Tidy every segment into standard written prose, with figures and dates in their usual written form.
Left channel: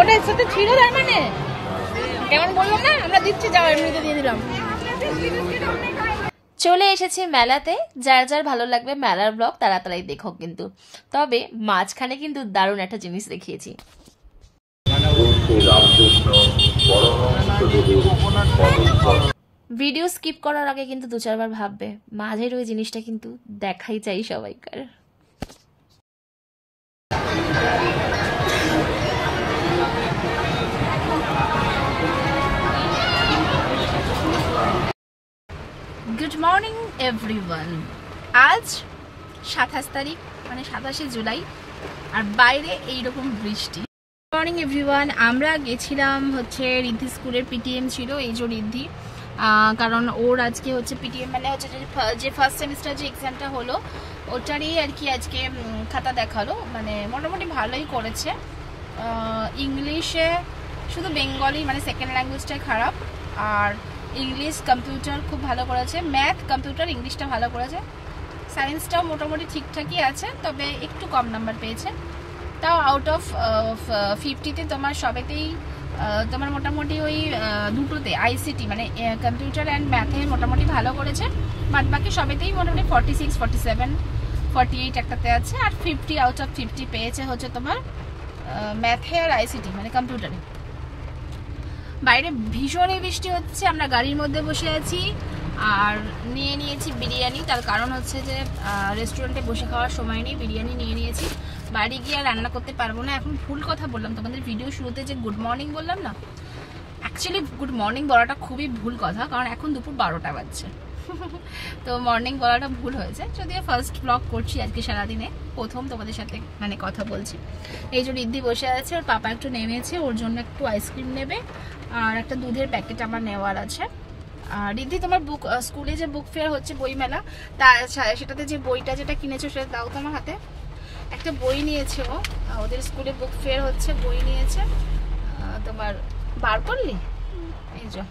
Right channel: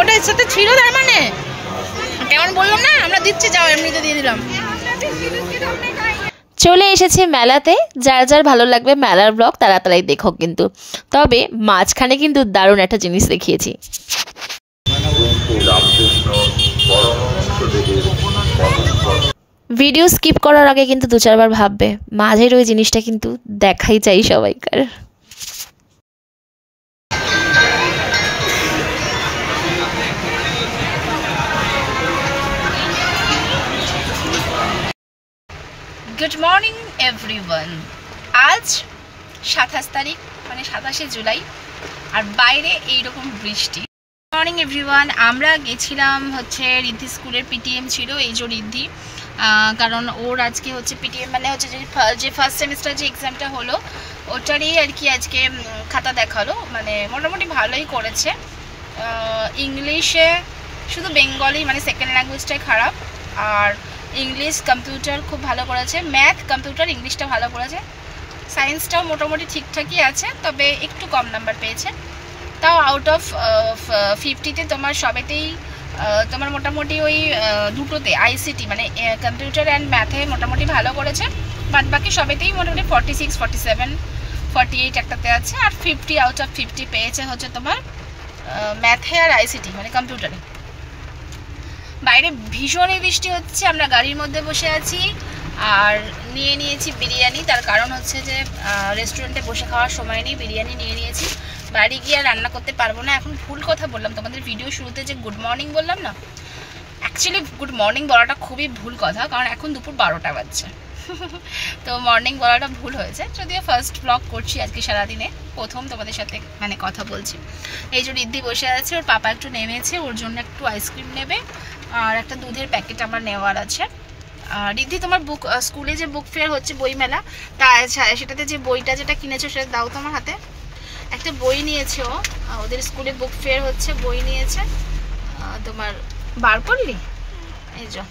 ওটা এর সাথে ছিল, তার মানে কেমন বললাম না, আমরা দিচ্ছি, যাও এমনিতে দিয়ে দিলাম। চলে এসেছে মেলাতে। যার যার ভালো লাগবে মেলার ব্লগ তারা তারাই দেখো কিন্তু। তবে মাঝখানে কিন্তু দারুণ একটা জিনিস দেখিয়েছি। ভিডিও স্কিপ করার আগে কিন্তু 2-4 বার ভাববে, মাঝের ওই জিনিসটা কিন্তু দেখাই চাই সবাইকার। Good morning everyone. আজ 27 তারিখ, মানে 27শে জুলাই, আর বাইরে এইরকম বৃষ্টি। Morning everyone. আমরা গেছিলাম হচ্ছে রিদ্ধি স্কুলের পিটিএম ছিল, এই যে রিদ্ধি, কারণ ওর আজকে হচ্ছে পিটিএম মানে হচ্ছে যে ফার্স্ট সেমিস্টার যে এক্সামটা হলো ওটারই আর কি আজকে খাতা দেখালো। মানে মোটামুটি ভালোই করেছে। ইংলিশে শুধু বেঙ্গলি মানে সেকেন্ড ল্যাঙ্গুয়েজটাই খারাপ, আর ইংলিশ কম্পিউটার খুব ভালো করেছে, ম্যাথ কম্পিউটার ইংলিশটা ভালো করেছে, সায়েন্সটাও মোটামুটি ঠিকঠাকই আছে, তবে একটু কম নাম্বার পেয়েছে। তাও আউট অফ 50-তে তোমার সবেতেই তোমার মোটামুটি ওই দুটোতে আইসিটি মানে কম্পিউটার অ্যান্ড ম্যাথে মোটামুটি ভালো করেছে, বাদ বাকি সবেতেই মোটামুটি 46, 47, 48 একটাতে আছে, আর 50 আউট অফ 50 পেয়েছে হচ্ছে তোমার ম্যাথে আর আইসিটি মানে কম্পিউটারে। বাইরে ভীষণই বৃষ্টি হচ্ছে, আমরা গাড়ির মধ্যে বসে আছি আর নিয়ে নিয়েছি বিরিয়ানি। তার কারণ হচ্ছে যে রেস্টুরেন্টে বসে খাওয়ার সময় নেই, বিরিয়ানি নিয়ে নিয়েছি। বাড়ি গিয়ে আর রান্না করতে পারবো না। এখন ভুল কথা বললাম তোমাদের ভিডিও শুরুতে, যে গুড মর্নিং বললাম না, অ্যাকচুয়ালি গুড মর্নিং বলাটা খুবই ভুল কথা, কারণ এখন দুপুর 12টা বাজছে। তো মর্নিং বলাটা ভুল হয়েছে, যদিও ফার্স্ট ব্লগ করছি আজকে সারাদিনে, প্রথম তোমাদের সাথে মানে কথা বলছি। এই যে রিদ্ধি বসে আছে, ওর পাপা একটু নেমেছে, ওর জন্য একটু আইসক্রিম নেবে আর একটা দুধের প্যাকেট আমার নেওয়ার আছে। রিদ্ধি, তোমার বুক স্কুলে যে বুক ফেয়ার হচ্ছে বই মেলা, তা সেটাতে যে বইটা যেটা কিনেছো সেটা দাও তো আমার হাতে। একটা বই নিয়েছে ও, ওদের স্কুলে বুক ফেয়ার হচ্ছে, বই নিয়েছে। তোমার বার করলি, এই যে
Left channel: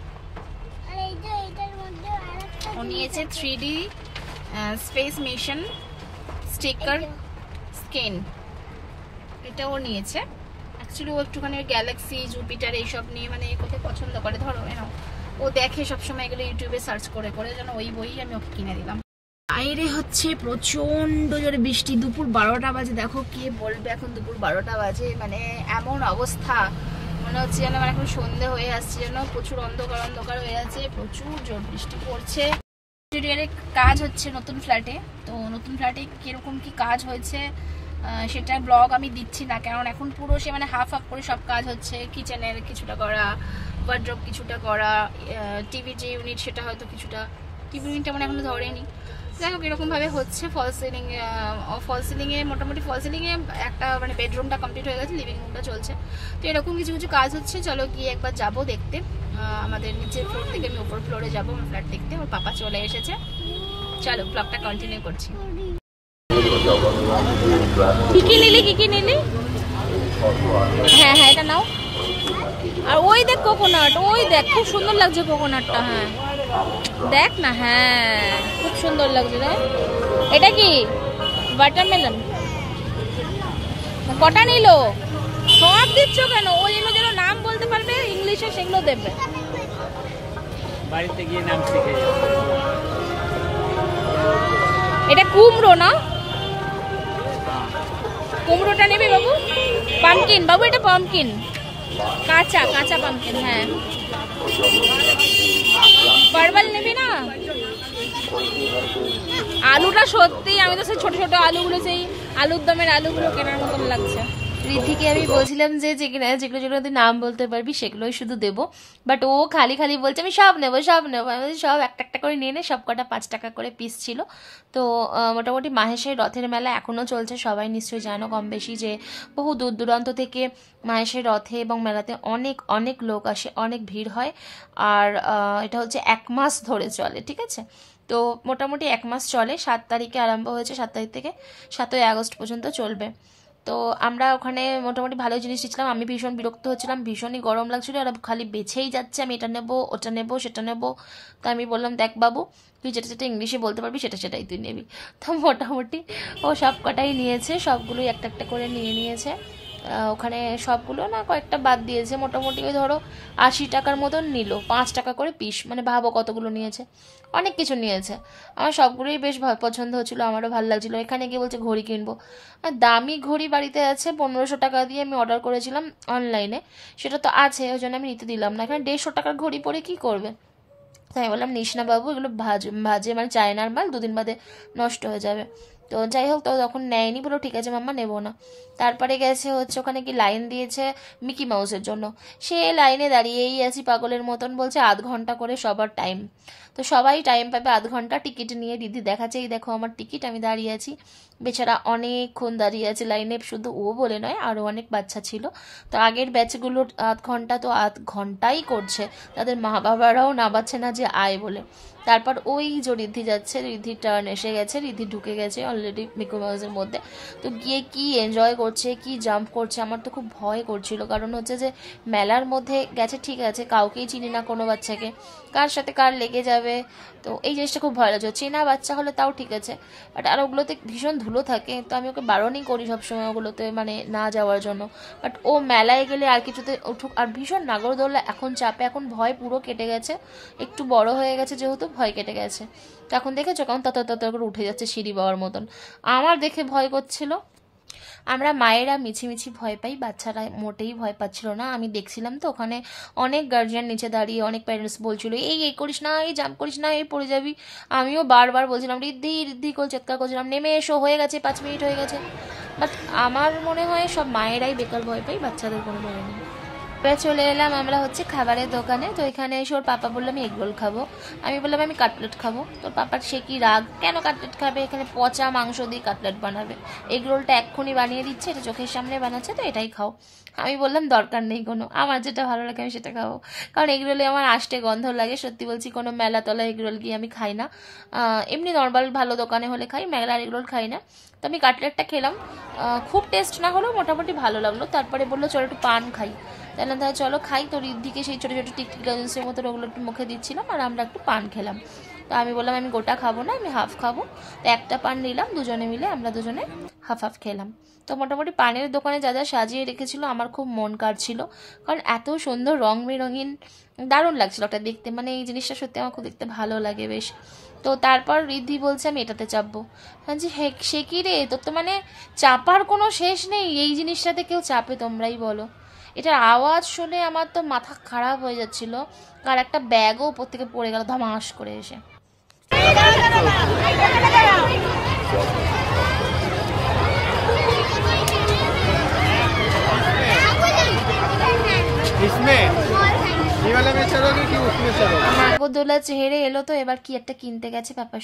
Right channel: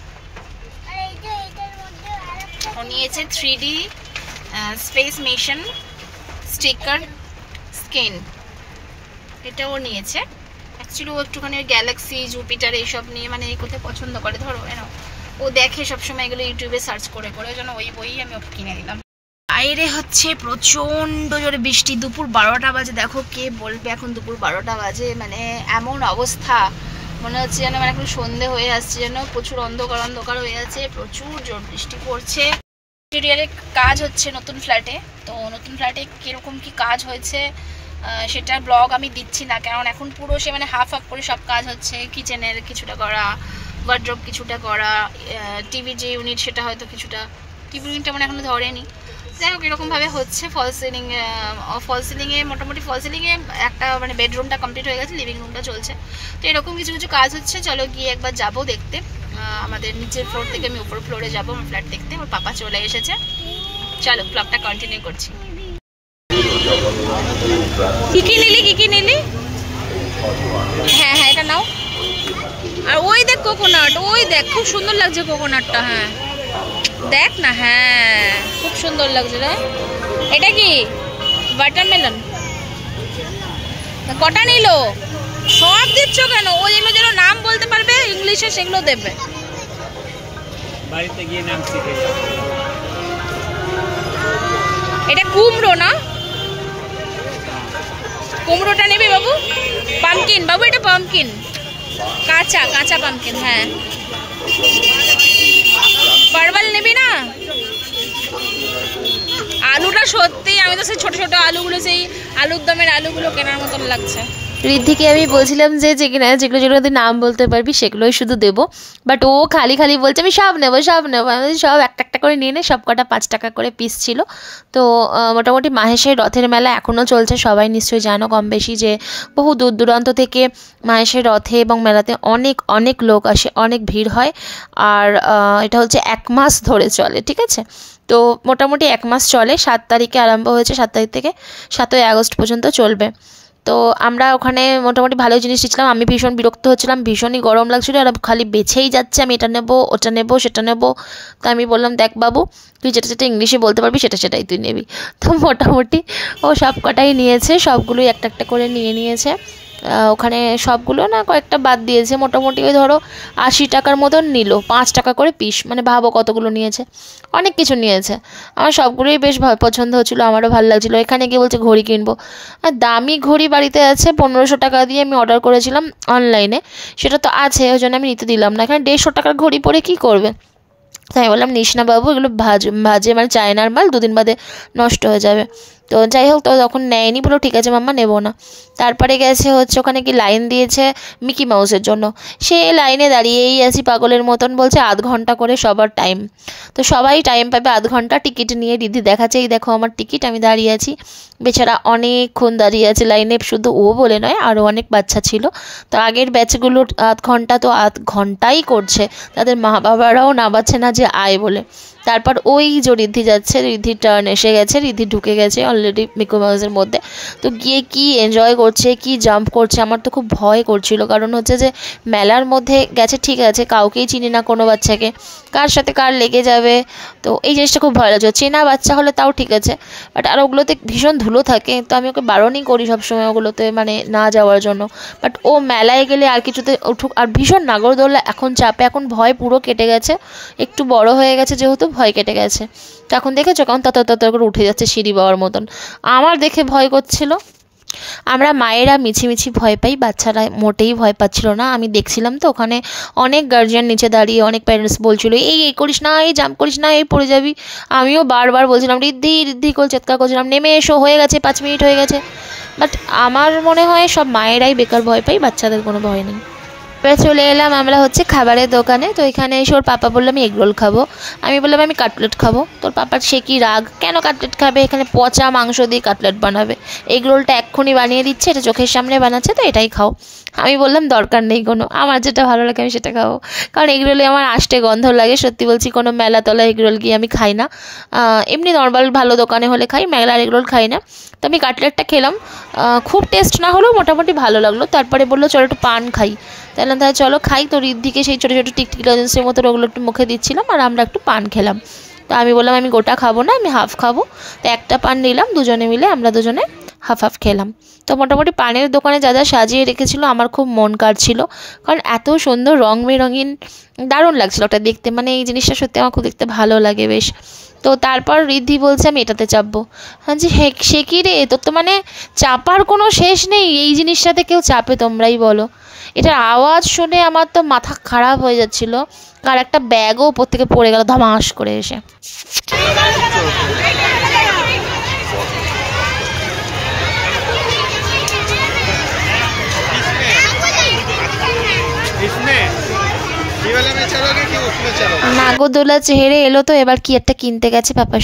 ও নিয়েছে 3D space mission sticker scan, এটা ও নিয়েছে। অ্যাকচুয়ালি ও একটুখানি গ্যালাক্সি জুপিটার এইসব নিয়ে মানে এই করতে পছন্দ করে, ধরো এনো ও দেখে সবসময় এগুলো ইউটিউবে সার্চ করে করে, যেন ওই বই আমি ওকে কিনে দিলাম। বাইরে হচ্ছে প্রচণ্ড জোরে বৃষ্টি, দুপুর 12টা বাজে। দেখো কে বলবে এখন দুপুর 12টা বাজে, মানে এমন অবস্থা মনে হচ্ছে যেন মানে এখন সন্ধে হয়ে আসছে, যেন প্রচুর অন্ধকার অন্ধকার হয়ে আছে, প্রচুর জোর বৃষ্টি পড়ছে। ইন্টেরিয়ারে কাজ হচ্ছে নতুন ফ্ল্যাটে, তো নতুন ফ্ল্যাটে কীরকম কি কাজ হয়েছে সেটার ব্লগ আমি দিচ্ছি না, কারণ এখন পুরো সে মানে হাফ হাফ করে সব কাজ হচ্ছে। কিচেনের কিছুটা করা, ওয়ার্ড্রোব কিছুটা করা, টিভি যে ইউনিট সেটা হয়তো কিছুটা, টিভি ইউনিটটা মানে এখনো ধরেনি। যাই হোক এরকমভাবে হচ্ছে। ফল সিলিংয়ে মোটামুটি ফল সিলিংয়ে একটা মানে বেডরুমটা কমপ্লিট হয়ে গেছে, লিভিং রুমটা চলছে, তো এরকম কিছু কিছু কাজ হচ্ছে। চলো গিয়ে একবার যাবো দেখতে। আমাদের নিচের ফ্লোর থেকে আমি উপর ফ্লোরে যাবো আমার ফ্ল্যাট দেখতে। আমার পাপা চলে এসেছে, চলো ব্লগটা কন্টিনিউ করছি। কি কি নিলি, কি কি নিলি? হ্যাঁ হ্যাঁ এটা নাও। আর ওই দেখ কোকোনাট, ওই দেখ খুব সুন্দর লাগছে কোকোনাটটা। হ্যাঁ দেখ না, হ্যাঁ খুব সুন্দর লাগছে রে। এটা কি ওয়াটারমেলন? কটা নিল? সব দিচ্ছ কেন? ও যেগুলো যেন নাম বলতে পারবে ইংলিশে সেগুলো দেবে। বাড়িতে গিয়ে নাম শিখে। এটা কুমড়ো না? কুমড়োটা নেবে বাবু? পামকিন বাবু, এটা পামকিন, কাঁচা কাঁচা পামকিন। হ্যাঁ পারওয়াল নেবি না? আলুটা সত্যি আমি তো সেই ছোট ছোট আলুগুলো, সেই আলুর দমের আলুগুলো কেনার মতন লাগছে। রিদ্ধিকে আমি বলছিলাম যে যেগুলো যেগুলো নাম বলতে পারবি সেগুলোই শুধু দেবো, বাট ও খালি খালি বলছে আমি সব নেবো সব নেবো। আমি সব একটা একটা করে নিয়ে নে। সব কটা 5 টাকা করে পিস ছিল। তো মোটামুটি মাহেশের রথের মেলা এখনও চলছে, সবাই নিশ্চয়ই জানো কম বেশি, যে বহু দূর দূরান্ত থেকে মাহেশের রথে এবং মেলাতে অনেক অনেক লোক আসে, অনেক ভিড় হয়। আর এটা হচ্ছে 1 মাস ধরে চলে, ঠিক আছে? তো মোটামুটি 1 মাস চলে। 7 তারিখে আরম্ভ হয়েছে, 7 তারিখ থেকে 7ই আগস্ট পর্যন্ত চলবে। তো আমরা ওখানে মোটামুটি ভালো জিনিস নিচ্ছিলাম। আমি ভীষণ বিরক্ত হচ্ছিলাম, ভীষণই গরম লাগছিলো, আর খালি বেছেই যাচ্ছে আমি এটা নেবো ওটা নেবো সেটা নেবো। তো আমি বললাম দেখ বাবু, তুই যেটা যেটা ইংলিশে বলতে পারবি সেটাই তুই নিবি। তো মোটামুটি ও সব কটাই নিয়েছে, সবগুলোই একটা একটা করে নিয়েছে। ওখানে সবগুলো না কয়েকটা বাদ দিয়েছে, মোটামুটি ওই ধরো 80 টাকার মতন নিল, 5 টাকা করে পিস, মানে ভাবো কতগুলো নিয়েছে, অনেক কিছু নিয়েছে। আমার সবগুলোই বেশ পছন্দ হচ্ছিলো, আমারও ভালো লাগছিলো। এখানে গিয়ে বলছে ঘড়ি কিনবো, আর দামি ঘড়ি বাড়িতে আছে 1500 টাকা দিয়ে আমি অর্ডার করেছিলাম অনলাইনে, সেটা তো আছে, ওই জন্য আমি নিতে দিলাম না। এখানে 150 টাকার ঘড়ি পরে কী করবে, তাই বললাম নিস না বাবু, এগুলো ভাজে মানে চায়নার মাল, 2 দিন বাদে নষ্ট হয়ে যাবে। তো যাই হোক, তো তখন নেয়নি, বলো ঠিক আছে মাম্মা নেবো না। তারপরে গেছে হচ্ছে ওখানে কি লাইন দিয়েছে মিকি মাউসের জন্য, সে লাইনে দাঁড়িয়েই আছি পাগলের মতন, বলছে আধ ঘন্টা করে সবার টাইম, তো সবাই টাইম পাবে আধ ঘন্টা। টিকিট নিয়ে রিদ্ধি দেখাচ্ছে, এই দেখো আমার টিকিট, আমি দাঁড়িয়ে আছি। বেচারা অনেকক্ষণ দাঁড়িয়ে আছে লাইনে, শুধু ও বলে নয় আরও অনেক বাচ্চা ছিল। তো আগের ব্যাচগুলোর আধ ঘন্টা তো আধ ঘন্টাই করছে, তাদের মা বাবারাও নামাচ্ছে না যে আয় বলে। তারপর ওই যে রিদ্ধি যাচ্ছে, রিদ্ধির টার্ন এসে গেছে, রিদ্ধি ঢুকে গেছে অলরেডি মিকি মাউসের মধ্যে। তো গিয়ে কি এনজয় করছে, কি জাম্প করছে, আমার তো খুব ভয় করছিল, কারণ হচ্ছে যে মেলার মধ্যে গেছে ঠিক আছে, কাউকেই চিনি না কোনো বাচ্চাকে, কার সাথে কার লেগে যাবে, তো এই জিনিসটা খুব ভয় লাগছে। চেনা বাচ্চা হলে তাও ঠিক আছে, বাট আর ওগুলোতে ভীষণ ধুলো থাকে, তো আমি ওকে বারণই করি সবসময় ওগুলোতে মানে না যাওয়ার জন্য। বাট ও মেলায় গেলে আর কিছুতে উঠুক, আর ভীষণ নাগরদোল্লা এখন চাপে, এখন ভয় পুরো কেটে গেছে, একটু বড় হয়ে গেছে যেহেতু ভয় কেটে গেছে। তো এখন দেখেছো কেমন তত করে উঠে যাচ্ছে সিঁড়ি বাবার মতন, আমার দেখে ভয় করছিল। আমরা মায়েরা মিছিমিছি ভয় পাই, বাচ্চারা মোটেই ভয় পাচ্ছিল না। আমি দেখছিলাম তো ওখানে অনেক গার্জিয়ান নিচে দাঁড়িয়ে, অনেক প্যারেন্টস বলছিল এই করিস না, এই জাম্প করিস না, এই পড়ে যাবি। আমিও বারবার বলছিলাম রিদ্ধি করে চিৎকার করছিলাম, নেমে এসো, হয়ে গেছে 5 মিনিট হয়ে গেছে। বাট আমার মনে হয় সব মায়েরাই বেকার ভয় পাই, বাচ্চাদের কোনো ভয় নেই। এবার চলে এলাম আমরা হচ্ছে খাবারের দোকানে। তো এখানে এসে ওর পাপা বললাম আমি এগরোল খাবো, আমি বললাম আমি কাটলেট খাবো। তোর পাপার সে কি রাগ, কেন কাটলেট খাবে, এখানে পচা মাংস দিয়ে কাটলেট বানাবে, এগরোলটা এক্ষুনি বানিয়ে দিচ্ছে, এটা চোখের সামনে বানাচ্ছে, তো এটাই খাও। আমি বললাম দরকার নেই কোনো, আমার যেটা ভালো লাগে আমি সেটা খাবো, কারণ এগরোলে আমার আষ্টে গন্ধ লাগে, সত্যি বলছি, কোনো মেলাতলা এগরোল গিয়ে আমি খাই না, এমনি নর্মাল ভালো দোকানে হলে খাই, মেলার এগরোল খাই না। তো আমি কাটলেটটা খেলাম, খুব টেস্ট না হলেও মোটামুটি ভালো লাগলো। তারপরে বললো চলো একটু পান খাই, তাহলে তাহলে চলো খাই। তো রিদ্ধিকে সেই ছোটো ছোটো টিকটিকি লজেন্সের মতো ওগুলো একটু মুখে দিচ্ছিলাম, আর আমরা একটু পান খেলাম। তো আমি বললাম আমি গোটা খাবো না, আমি হাফ খাবো। তো একটা পান নিলাম, দুজনে মিলে আমরা দুজনে হাফ হাফ খেলাম। তো মোটামুটি পানের দোকানে যা যা সাজিয়ে রেখেছিলো আমার খুব মন কাড়ছিল, কারণ এত সুন্দর রং বেরঙিন, দারুণ লাগছিলো ওটা দেখতে, মানে এই জিনিসটা সত্যি আমার খুব দেখতে ভালো লাগে বেশ। তো তারপর রিদ্ধি বলছে আমি এটাতে চাপবো। হ্যাঁ জি, সে কি রে, তোর তো মানে চাপার কোনো শেষ নেই, এই জিনিসটাতে কেউ চাপে তোমরাই বলো। এটার আওয়াজ শুনে আমার তো মাথা খারাপ হয়ে যাচ্ছিল, আর একটা ব্যাগও ওপর থেকে পড়ে গেল ধমাস করে এসে। নাগরদোলা চেহারে এলো, তো এবার কি একটা কিনতে গেছে পাপার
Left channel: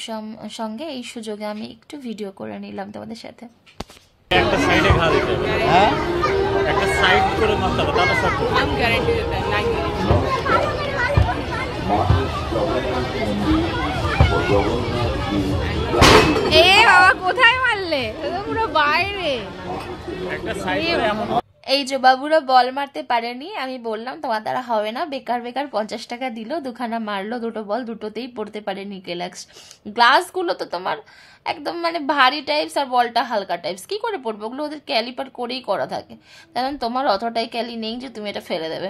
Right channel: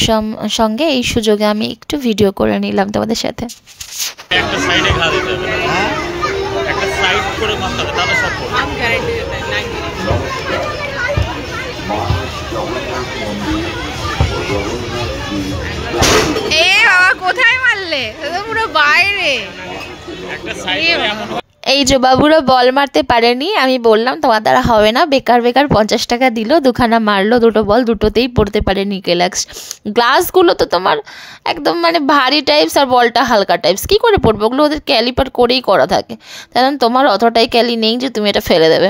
সঙ্গে, এই সুযোগে আমি একটু ভিডিও করে নিলাম তোমাদের সাথে। একটা সাইডে ঘা দিতে হবে, হ্যাঁ একটা সাইড করে মাপতে হবে, তাহলে সব আম গাড়াইতে লাইন। এ বাবা কোথায় মারলে, তো পুরো বাইরে। একটা সাইড করে এই যে বাবুরা বল মারতে পারেনি, আমি বললাম তোমার দ্বারা হবে না, বেকার বেকার 50 টাকা দিল, দুখানা মারলো, দুটো বল দুটোতেই পড়তে পারেনি ক্লাক্স। গ্লাসগুলো তো তোমার একদম মানে ভারী টাইপস, আর বলটা হালকা টাইপস, কী করে পড়বে, ওগুলো ওদের ক্যালিপার করেই করা থাকে, কারণ তোমার অতটাই ক্যালি নেই যে তুমি এটা ফেলে দেবে।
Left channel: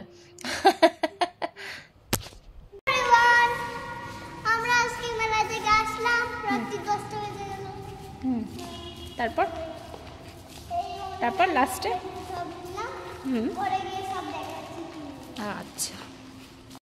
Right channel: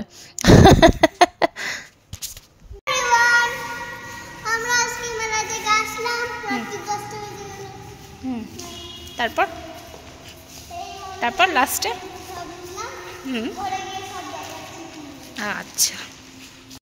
তারপর তারপর লাস্টে আচ্ছা